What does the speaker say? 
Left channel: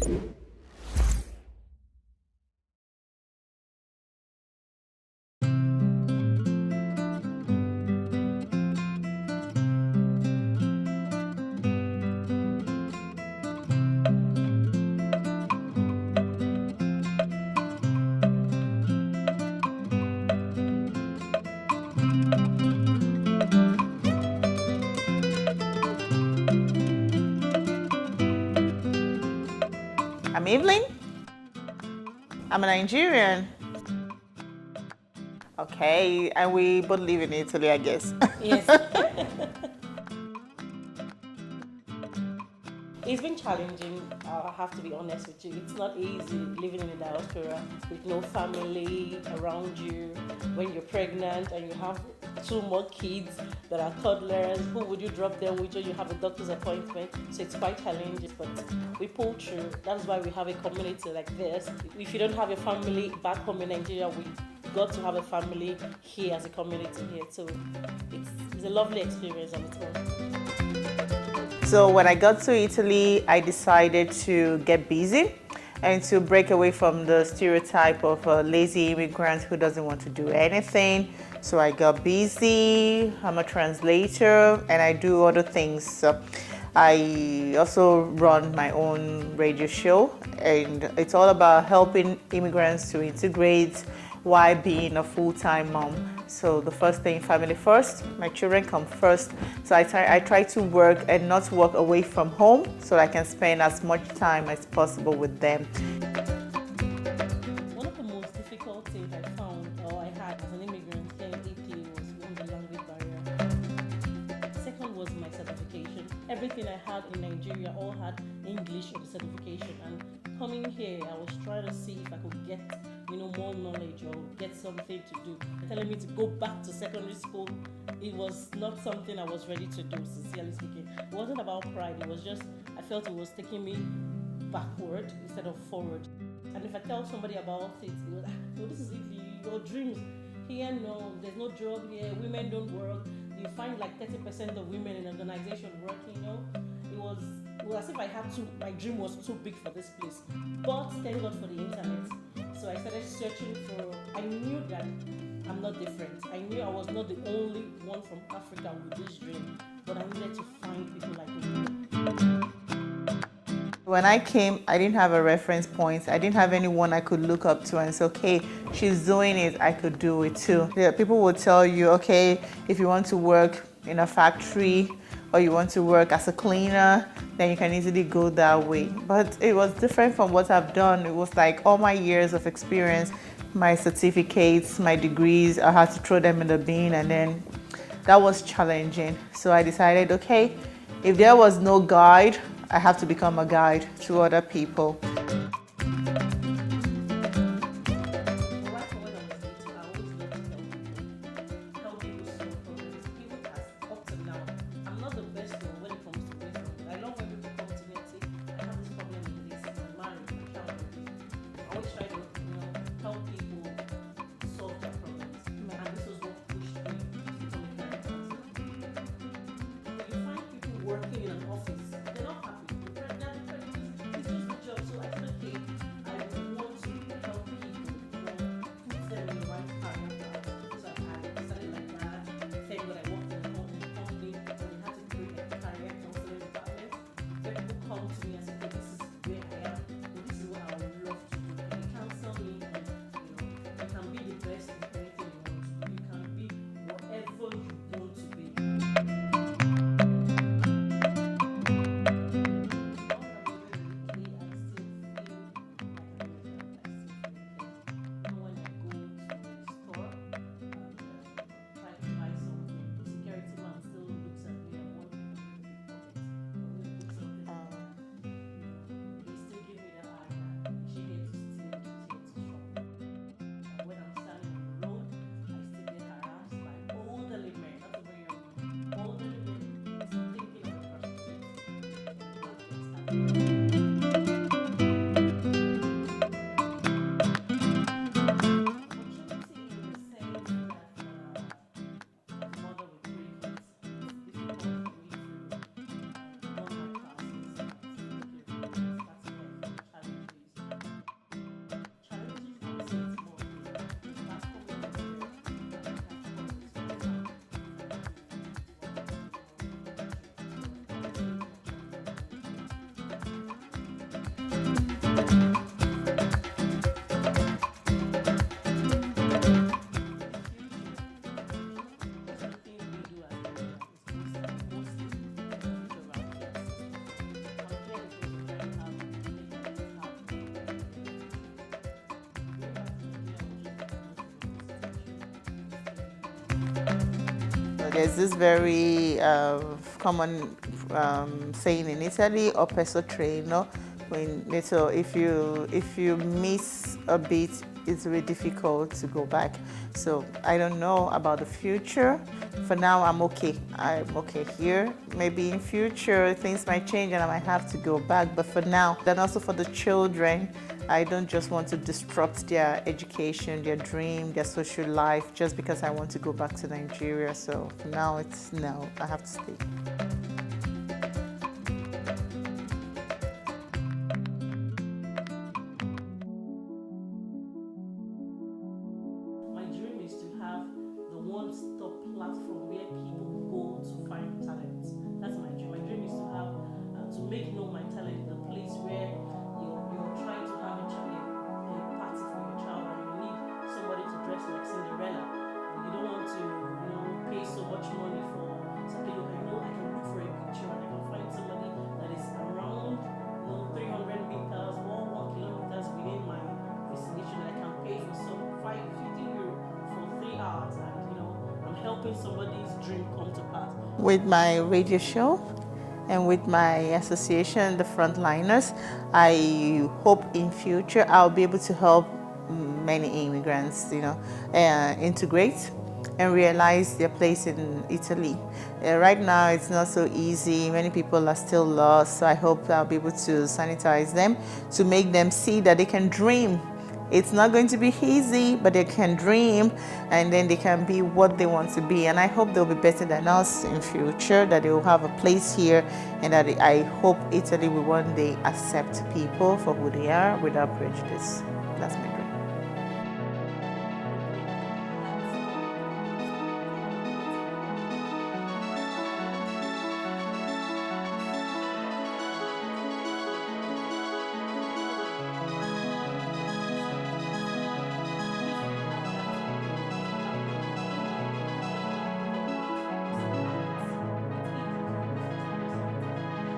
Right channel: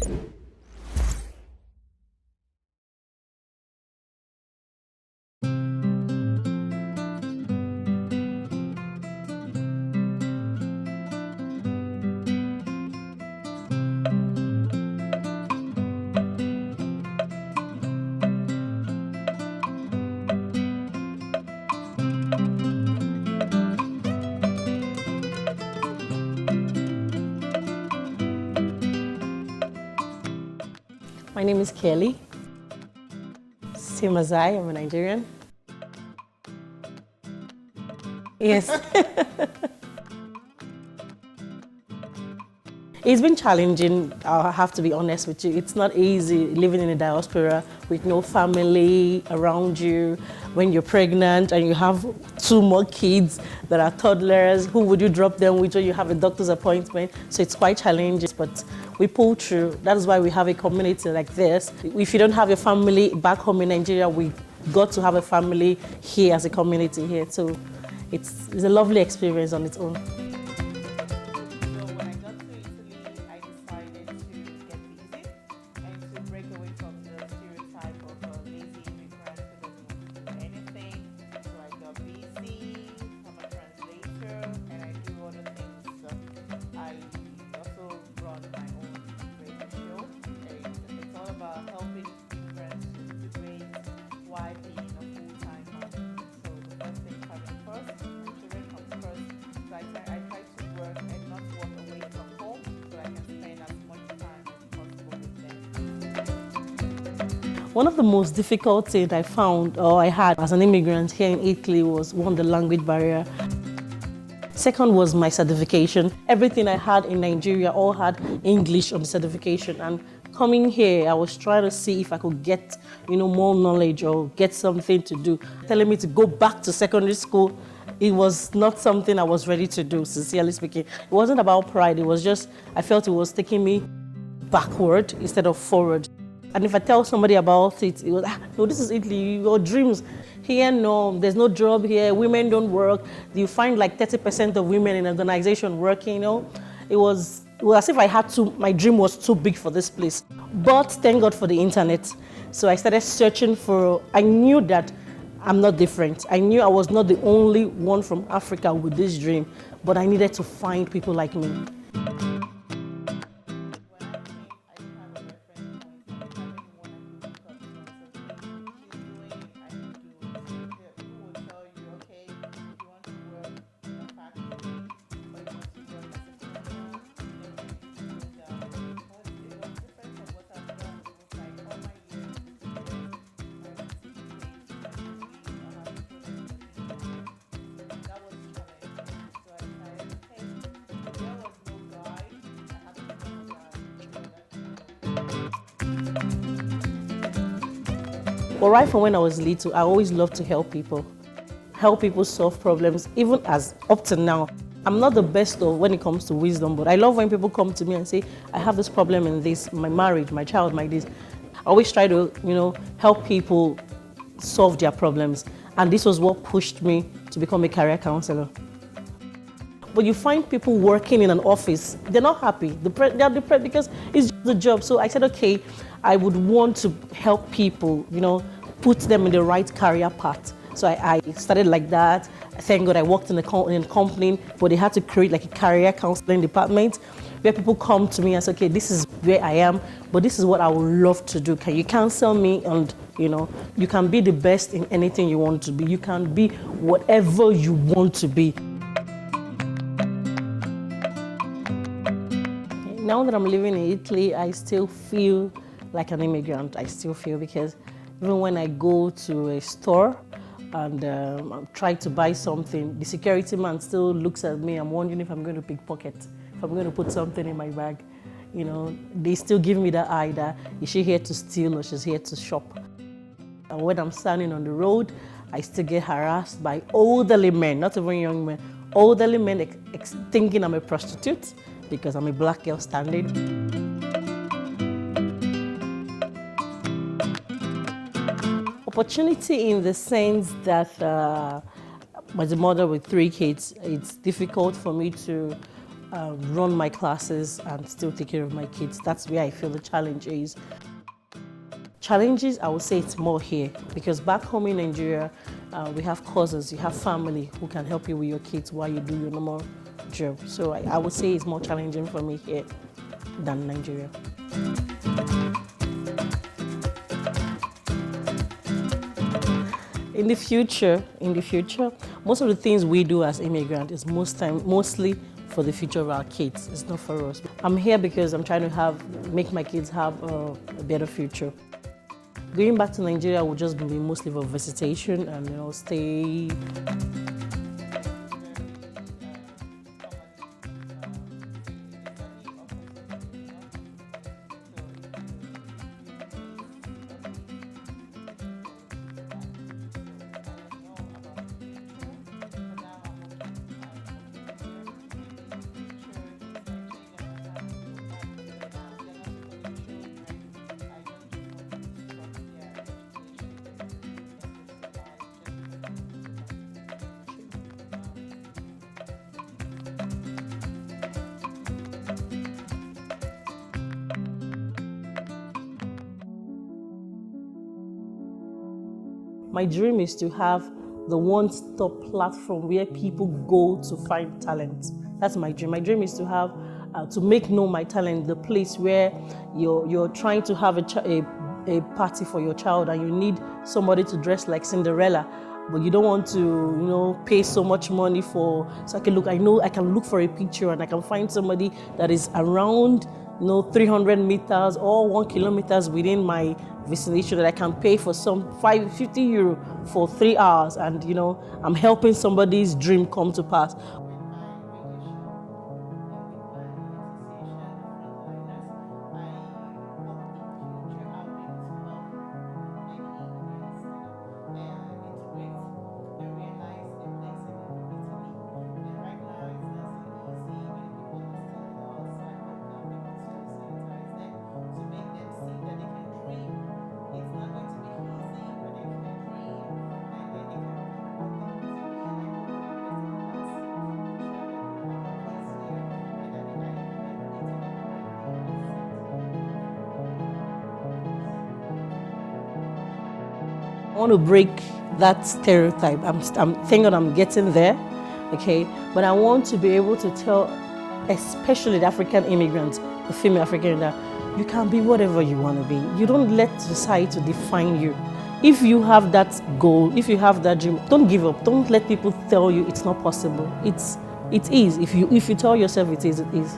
I'm Evelyn. My name is Kelly. I'm a Nigerian. Same as I'm a Nigerian. Okay, and we both live in Italy, I guess. Yes. It's been challenging, I have to be honest with you. It's not easy living in a diaspora with no family around you. When you're pregnant and you have 2 more kids that are toddlers, who would you drop them with when you have a doctor's appointment? So it's quite challenging, but we pull through. That is why we have a community like this. If you don't have a family back home in Nigeria, we got to have a family here as a community here. So it's a lovely experience on its own. So when I got to Italy, I decided to get busy and to break away from the stereotype of a lazy immigrant who doesn't want to do anything. So I got busy, I'm a translator, and I do other things. So I also run my own radio show, and it's all about helping immigrants to integrate while being a full-time mom. So the first thing, family first, my children come first. So I try to work and not work away from home so that I can spend as much time as possible with them. One of the most difficult things I found or I had as an immigrant here in Italy was, one, the language barrier. Second was my certification. Everything I had in Nigeria all had English on the certification, and coming here, I was trying to see if I could get, more knowledge or get something to do. Telling me to go back to secondary school, it was not something I was ready to do, sincerely speaking. It wasn't about pride, it was just, I felt it was taking me backward instead of forward. And if I tell somebody about it, it was, no, this is Italy, your dreams. Here, no, there's no job here, women don't work. You find like 30% of women in an organization working, It was as if I had to, my dream was too big for this place. But thank God for the internet. So I started searching I knew that I'm not different. I knew I was not the only one from Africa with this dream, but I needed to find people like me. When I came, I didn't have a reference point. I didn't have anyone I could look up to and say, okay, she's doing it, I could do it too. Yeah, people will tell you, okay, if you want to work in a factory or you want to work as a cleaner, then you can easily go that way. But it was different from what I've done. It was like all my years of experience, my certificates, my degrees, I had to throw them in the bin, and then that was challenging. So I decided, okay, if there was no guide, I have to become a guide to other people. Well, right from when I was little, I always loved to help people solve problems, even as up to now. I'm not the best when it comes to wisdom, but I love when people come to me and say, I have this problem in this, my marriage, my child, my this. I always try to, help people solve their problems. And this was what pushed me to become a career counselor. But you find people working in an office, they're not happy. They're depressed because it's the job. So I said, okay, I would want to help people, put them in the right career path. So I started like that. Thank God I worked in a company where they had to create like a career counseling department where people come to me and say, okay, this is where I am, but this is what I would love to do. Can you counsel me? And you can be the best in anything you want to be. You can be whatever you want to be. Now that I'm living in Italy, I still feel like an immigrant. I still feel, because even when I go to a store and I'm trying to buy something, the security man still looks at me. I'm wondering if I'm going to pickpocket, if I'm going to put something in my bag. They still give me that eye that, is she here to steal or she's here to shop? And when I'm standing on the road, I still get harassed by elderly men, not even young men, elderly men thinking I'm a prostitute because I'm a black girl standing. Opportunity in the sense that as a mother with 3 kids, it's difficult for me to run my classes and still take care of my kids. That's where I feel the challenge is. Challenges, I would say it's more here because back home in Nigeria, we have cousins, you have family who can help you with your kids while you do your normal job. So I would say it's more challenging for me here than Nigeria. In the future, most of the things we do as immigrants is mostly for the future of our kids. It's not for us. I'm here because I'm trying to make my kids have a better future. Going back to Nigeria will just be mostly for visitation and stay. There's this very common saying in Italy, "O peso treno." So if you miss a bit, it's really difficult to go back. So I don't know about the future. For now, I'm okay. I'm okay here. Maybe in future things might change and I might have to go back. But for now, then also for the children, I don't just want to disrupt their education, their dream, their social life, just because I want to go back to Nigeria. So for now, it's no, I have to stay. My dream is to have the one-stop platform where people go to find talent. That's my dream. My dream is to have, to make known my talent, the place where you're trying to have a party for your child and you need somebody to dress like Cinderella, but you don't want to, pay so much money so I can look for a picture and I can find somebody that is around, 300 meters or 1 kilometer within my vicinity that I can pay for some 50 euro for 3 hours and, I'm helping somebody's dream come to pass. With my radio show and with my association, the Frontliners, I hope in future I'll be able to help many immigrants, integrate and realize their place in Italy. Right now, it's not so easy. Many people are still lost, so I hope I'll be able to sanitize them, to make them see that they can dream. It's not going to be easy, but they can dream, and then they can be what they want to be. And I hope they'll be better than us in future, that they will have a place here, and that I hope Italy will one day accept people for who they are without prejudice. That's my dream. I want to break that stereotype. Thank God I'm getting there, okay? But I want to be able to tell, especially the African immigrants, the female African, that you can be whatever you want to be. You don't let society define you. If you have that goal, if you have that dream, don't give up. Don't let people tell you it's not possible. It is. If you tell yourself it is, it is.